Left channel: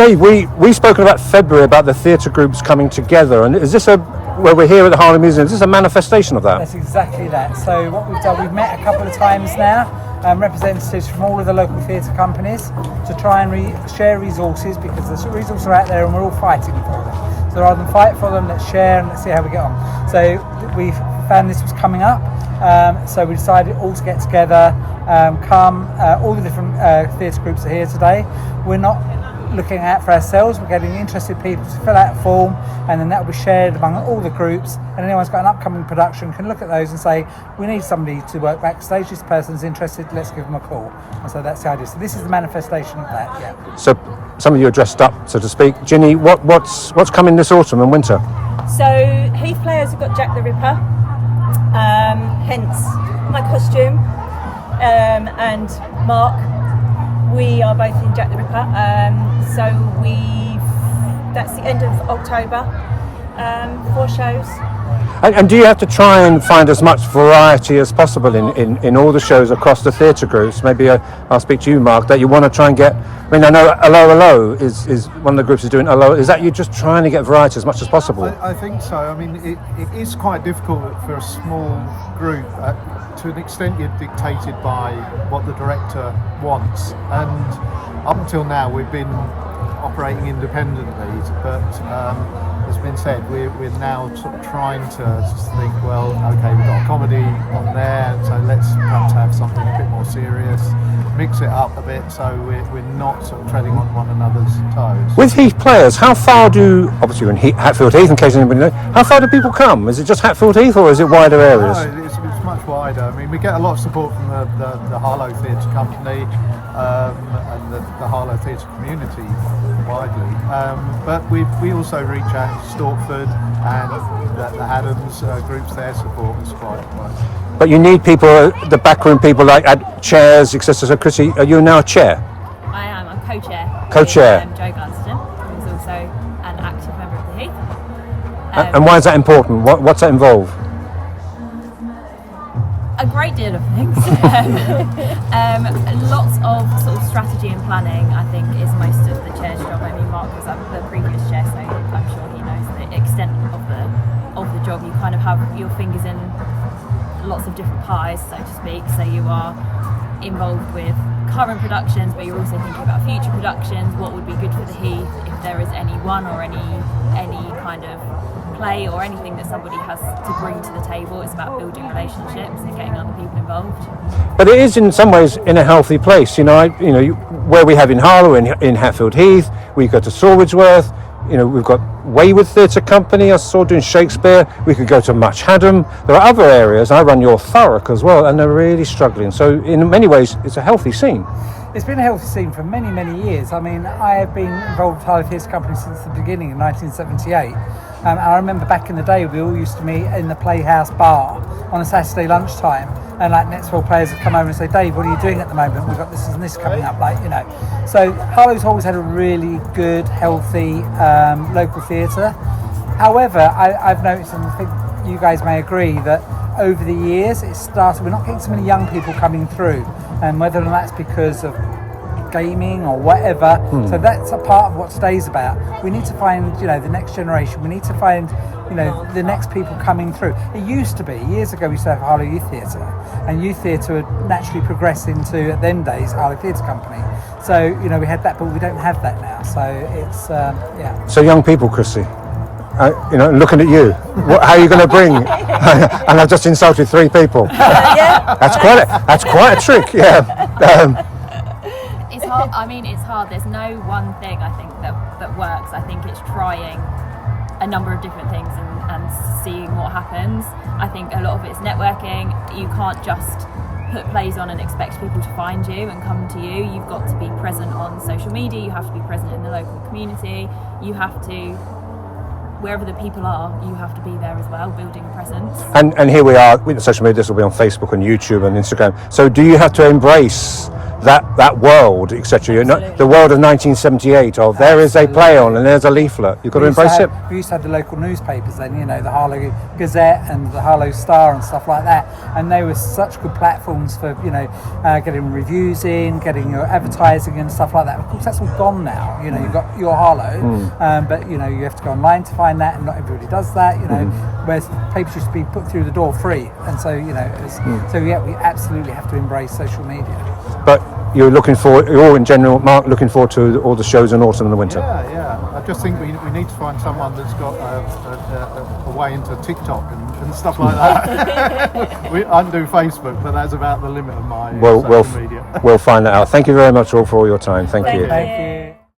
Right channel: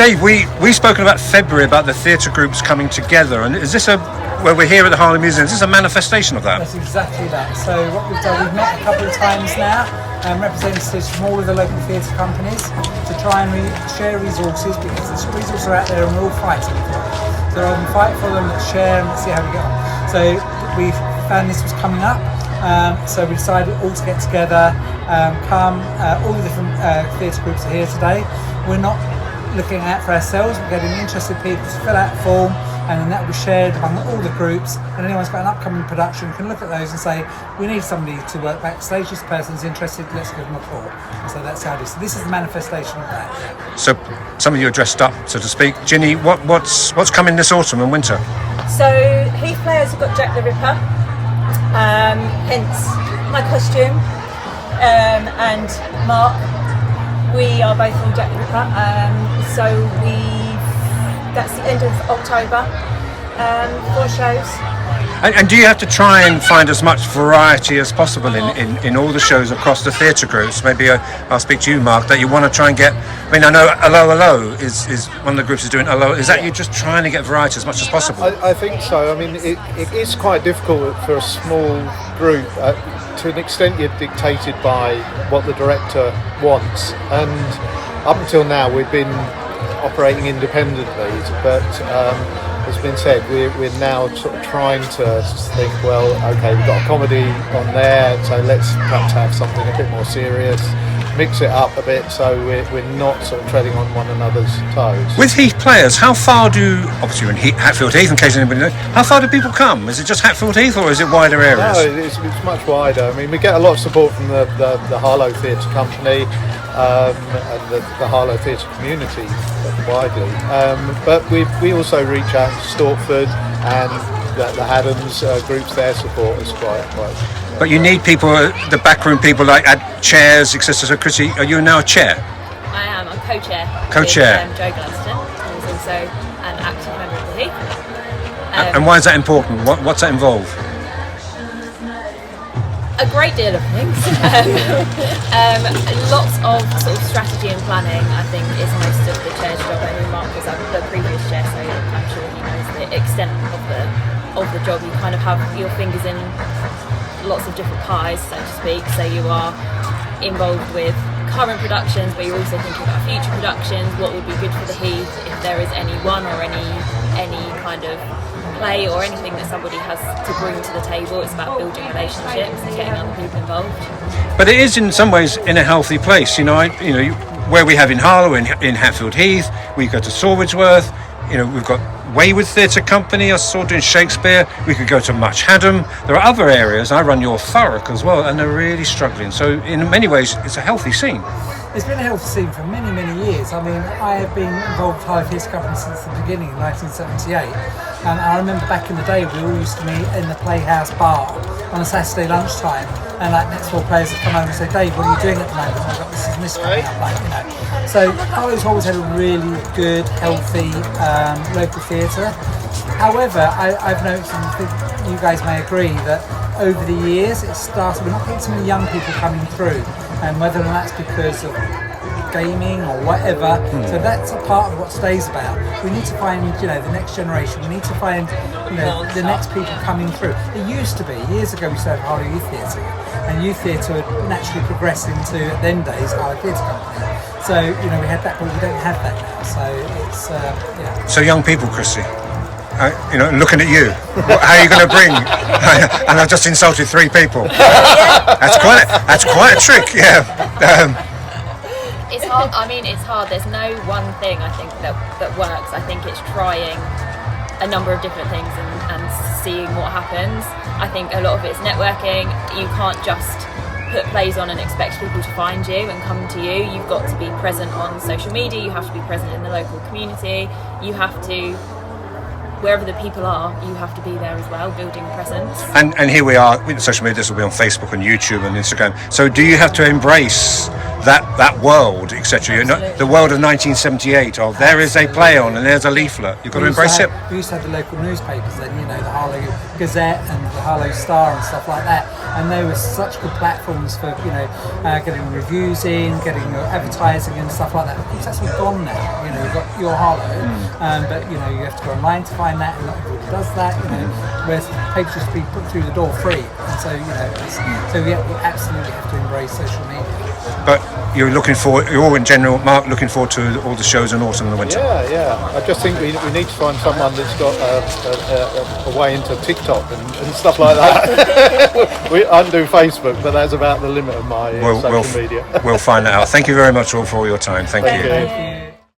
Dave, we spoken about February about the theatre groups coming together, and is this where we're here at the Harlow Museum? Is this a manifestation of that? That's exactly that. So what we've done, we've met a couple of times now, representatives from all of the local theatre companies to try and share resources, because the resources are out there and we're all fighting for them. So rather than fight for them, let's share and let's see how we get on. So we found this was coming up, so we decided all to get together, all the different theatre groups are here today. We're not looking out for ourselves, we're getting interested people to fill out a form, and then that will be shared among all the groups, and anyone's got an upcoming production can look at those and say, we need somebody to work backstage, this person's interested, let's give them a call. And so that's how it is. So this is the manifestation of that, yeah. So some of you are dressed up, so to speak. Ginny, what's coming this autumn and winter? So Heath players have got Jack the Ripper, hence my costume, and Mark, we are both in Jack the Ripper, so that's the end of October, 4 shows. And do you have to try and find as much variety as possible in all the shows across the theatre groups? Maybe I'll speak to you, Mark, that you want to try and get, I mean, I know Harlow is one of the groups is doing Harlow. Is that you just trying to get variety as much as possible? I think so. I mean, it is quite difficult for a small group. To an extent, you're dictated by what the director wants. And up until now, we've been operating independently, but as has been said, we're now sort of trying to think, well, okay, we've got a comedy on there, so let's perhaps have something a bit more serious, mix it up a bit, so we're not sort of treading on one another's toes. With Heath players, how far obviously you're in Hatfield Heath, in case anybody knows, how far do people come? Is it just Hatfield Heath or is it wider areas? No, it's much wider. I mean, we get a lot of support from the Harlow Theatre Company, and the Harlow theatre community widely, but we also reach out to Stortford, and the Haddams groups there support us quite. But you need people, the backroom people, like at chairs, etc. So Chrissy, are you now a chair? I am. I'm co-chair. Co-chair. With Joe Gladstone, who is also an active member of the Heath. And why is that important? What's that involve? A great deal of things. Lots of sort of strategy and planning, I think, is most of the chair's job. I mean, Mark was the previous chair, so I'm sure he knows the extent of the job. You kind of have your fingers in lots of different pies, so to speak. So you are involved with current productions, but you're also thinking about future productions. What would be good for the Heath if there is any one or any kind of play or anything that somebody has to bring to the table. It's about building relationships and getting other people involved. But it is in some ways in a healthy place, where we have in Harlow, in Hatfield Heath, we go to Sawwidsworth, we've got Wayward Theatre Company, I saw doing Shakespeare, we could go to Much Haddam. There are other areas, I run your Thurrock as well, and they're really struggling. So in many ways, it's a healthy scene. It's been a healthy scene for many, many years. I mean, I have been involved with Harlow Theatre Company since the beginning in 1978. And I remember back in the day, we all used to meet in the Playhouse bar on a Saturday lunchtime. And like next door players would come over and say, Dave, what are you doing at the moment? We've got this and this coming up, So Harlow's always had a really good, healthy local theatre. However, I've noticed, and I think you guys may agree, that over the years, we're not getting so many young people coming through. And whether that's because of gaming or whatever, so that's a part of what Stay's about. We need to find, the next generation. We need to find, the next people coming through. It used to be, years ago, we used to have Harlow Youth Theatre, and youth theatre would naturally progress into, at then days, Harlow Theatre Company. So, we had that, but we don't have that now. So it's, So young people, Chrissy, looking at you, how are you going to bring? And I've just insulted 3 people. That's quite a trick, yeah. It's hard. I mean, it's hard. There's no one thing I think that works. I think it's trying a number of different things and seeing what happens. I think a lot of it's networking. You can't just put plays on and expect people to find you and come to you. You've got to be present on social media. You have to be present in the local community. You have to, wherever the people are, you have to be there as well, building a presence. And here we are with social media. This will be on Facebook and YouTube and Instagram. So do you have to embrace that world, etc. You know, Absolutely. the world of 1978. Of there is a play on, and there's a leaflet. You've got to embrace it. We used to have the local newspapers then, you know, the Harlow Gazette and the Harlow Star and stuff like that, and they were such good platforms for, you know, getting reviews in, getting your advertising and stuff like that. Of course, that's all gone now. You know, you've got your Harlow, but you know, you have to go online to find that, and not everybody does that. You know, whereas papers used to be put through the door free, and so you know, so yeah, we absolutely have to embrace social media. But you're all in general, Mark, looking forward to all the shows in autumn and the winter. Yeah. I just think we need to find someone that's got a way into TikTok and stuff like that. I do Facebook, but that's about the limit of my social media. We'll find that out. Thank you very much all for all your time. Thank you. Thank you.